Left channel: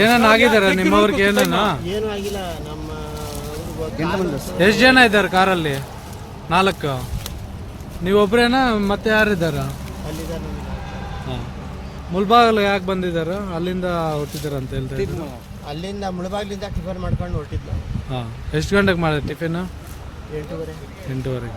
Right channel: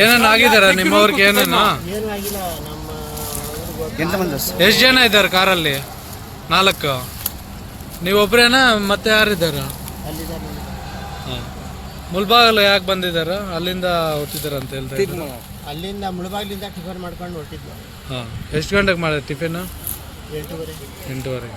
ಏನೇನು ಆಗಿದಾರ ನಿಮ್ಮವ್ರಿಗೆ? ಏನೇನು ಏನೂ ಆಗಿಲ್ಲ. ನಮ್ಮ ಎಷ್ಟು ಜನ ಇದ್ದಾರೆ ಕಾರಲ್ಲಿ? 4. ನೀವೊಬ್ರೇನಾ ಮತ್ತೆ ಯಾರಿದ್ದಾರೆ? ಅಲ್ಲಿದ್ದಾರೆ. ಹಾಂ. ಮುಲ್ಬಾಗಲು ಯಾಕೆ ಬಂದಿದ್ದಾರ? ಅಲ್ಲಿಂದ ಹೊಟ್ಟಿದ್ದಾರೆ ಅಂತ ಹೇಳ್ತಾರೆ. ಅಲ್ಲಿಂದ ಮುಳಬಾಗ್ಲಿಂದ ಟಿಫನ್ ಮಾಡ್ಕೊಂಡು ಹೊರಟಿದ್ವಿ. ಹಾಂ. ಎಷ್ಟು ಗಂಟೆಗೆ ಮಾಡಿದೆ ಟಿಫಿನು? 8:30. 8:30.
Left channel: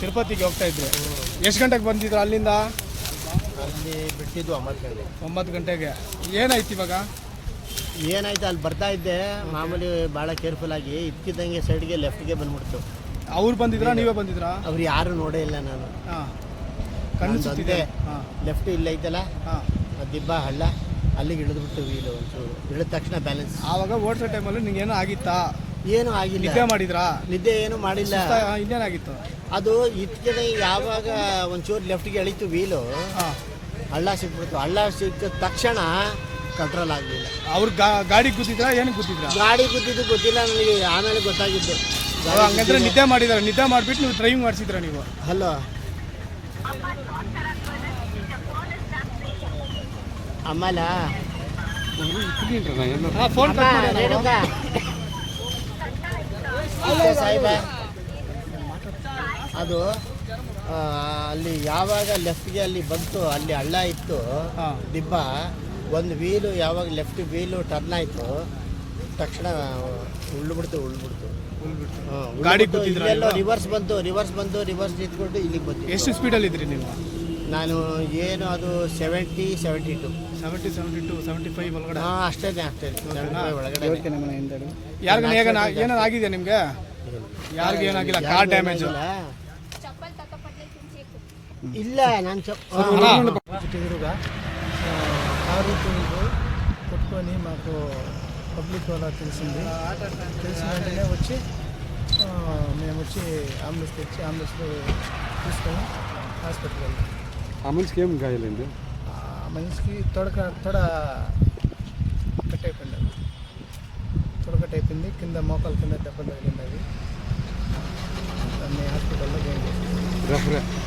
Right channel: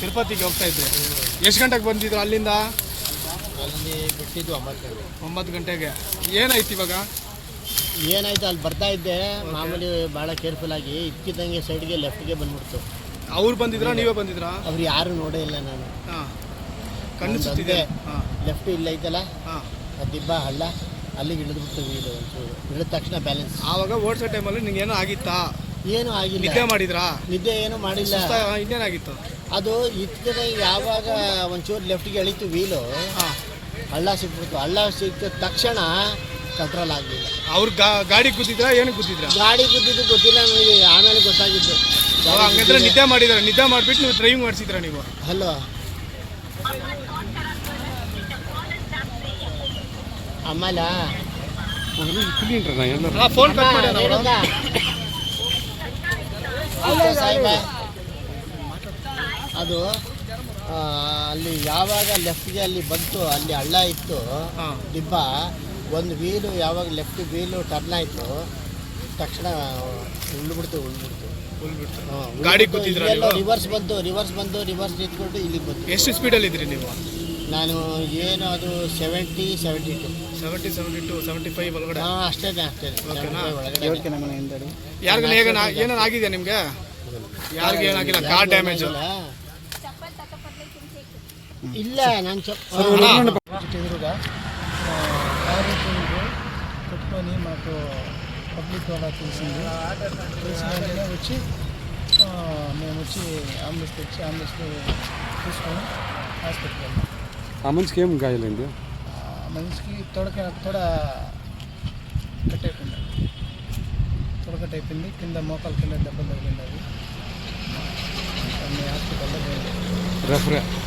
ತಿರುಪತಿಗೆ ಹೋಗ್ತಾ ಇದ್ರು. ಎಷ್ಟು ಗಂಟೆಗೆ ಬಂದಿದ್ರು ಅಲ್ಲಿಂದ? ಅಲ್ಲಿ ಬಿಟ್ಟಿದ್ದು 9 ಗಂಟೆಗೆ. ಏನಾಯ್ತು ಇವಾಗ? ಏನಾಯ್ತು, ಅಲ್ಲಿ ಬರ್ತಾ ಇದ್ದೆ ಮಾಮೂಲಿ ಭಾಳ ಕೇರ್ಫುಲ್ ಆಗಿ. ಇದ್ಕಿದ್ದಂಗೆ ಸೈಡ್ಗೆ ಲೆಫ್ಟ್ಗೆ ಬಂದ್ಬಿಡ್ತು. ಅವ್ರು ಬಂದಿದ್ರಾ ನೀವೇ ಬಂದಿದ್ರಾ? ಅವ್ರು ಯಾರು ನೋಡೇ ಇಲ್ಲ ನಾನು. ಕಣ್ಣಿಸುತ್ತಿದೆ. ಲೆಫ್ಟ್ ಇಲ್ಲ ಐತಲ್ಲ ದಿಬ್ಬ ಹಳ್ಳ, ಅಲ್ಲಿಗೆ ಇಳಿದ್ಬಿಟ್ಟು ವೀಲು ಒಂಚೂರು ಇಳಿದ ತಕ್ಷಣ ಬ್ಯಾಲೆನ್ಸ್. ಆವಾಗ ಓಡಿಸೋ ಟೈಮಲ್ಲಿ ನಿಂಗೆ ಏನೋ ಆಗಿತ್ತಾ? ಏನೂ ಆಗಿಲ್ಲ. ನಿದ್ದೆ ಮಾಡಿದ್ರಾ? ನಿದ್ದೆ ಏನೂ ಮಾಡಿಲ್ಲ. ಇನ್ನೇನಾಗಿತ್ತು? ಅದು ಇದ್ಕಿದ ಯಾವಾಗ ಒಂಚೂರು ಲೆಫ್ಟ್ಗೆ ಎಳೀತು ವೀಲು, ಹಳ್ಳ ಸಿಕ್ಬಿಡ್ತು. ಹಳ್ಳ ಸಿಕ್ಕ ತಕ್ಷಣ ಕಂಟ್ರೋಲ್ ಆಗಲಿಲ್ಲ. ಅವ್ರು ಗಾಡಿ ಕೂತಿದ್ರಾ? ಏನು ಕೂತಿದ್ರ? ಗಾಡಿ ಕೂತಿದ್ದು ಗೊತ್ತಿಲ್ಲ ನನಗೆ, ಆಮೇಲೆ ಗೊತ್ತಾಗಿದ್ದು. ಹಂಗಂದ್ರೆ ನಿದ್ದೆ ಮಾಡಿದಾರೆ. ನಿದ್ದೆ ಮಾಡಿಬಿಟ್ಟು ನೀವು ಡ್ರೈವಿಂಗ್ ಮಾಡಿಸಿದ್ರ ನೀವು? ಹಲೋ ಆಮೇಲೆ ಸಾಹೇಬ ಅದು ಅಲ್ಲಿ ಯಾವಾಗ ಲೆಫ್ಟ್ಗೆ ಅಲ್ಲಿ ಬಂತು, ಅಲ್ಲಿ ಹಳ್ಳ ಇತ್ತು ದಿಬ್ಬ. ಒಂದು ವೀಲು ಯಾವಾಗ ಲೆಫ್ಟ್ ವೀಲು ಟರ್ನ್ ಆಯಿತು ತಕ್ಷಣ ಉಳ್ಬಿಡ್ತು. ಗಾಡಿ ಎಲ್ಲೋ ರಿವರ್ಸ್ ಬಂತು. ರಿವರ್ಸ್ ನಿಂತ್ಕೊಂಡು ಇಲ್ಲಿಗೆ ಬಂತು. ಎಷ್ಟು ಸ್ಪೀಡಲ್ಲಿ ಇದ್ರಿ ನೀವು? ನಾನು ಏನು ಅದು 70, 72, 75 ಒಳಗಡೆ. ಅಷ್ಟೇ 75 ಒಳಗಡೆ. ಏನಾರು ಆಗಿದೆ ನಿಮ್ಗೆ? ಯಾರಿಗೂ ಏನಾಗಿಲ್ಲ? ಕಾರ್ ಡ್ಯಾಮೇಜ್ ಇಲ್ಲ. ನಾನು ఎదురుగా కారు కొట్టుకొని మాకు పబ్లిక్ వాళ్ళ తెలిసిన వెంటనే వచ్చి మేము వచ్చి అంబులెన్స్ తెచ్చి అంబులెన్స్లో తీసుకొని హాస్పిటల్కి వెళ్ళాం. ఆ మనిషికి ఏం గాయాలండి? మనిషికి తొడ కట్ అయిపోయింది. కింద మోకాల కింద దెబ్బ తగిలింది. అది హాస్పిటల్లో జాయిన్ చేస్తాం.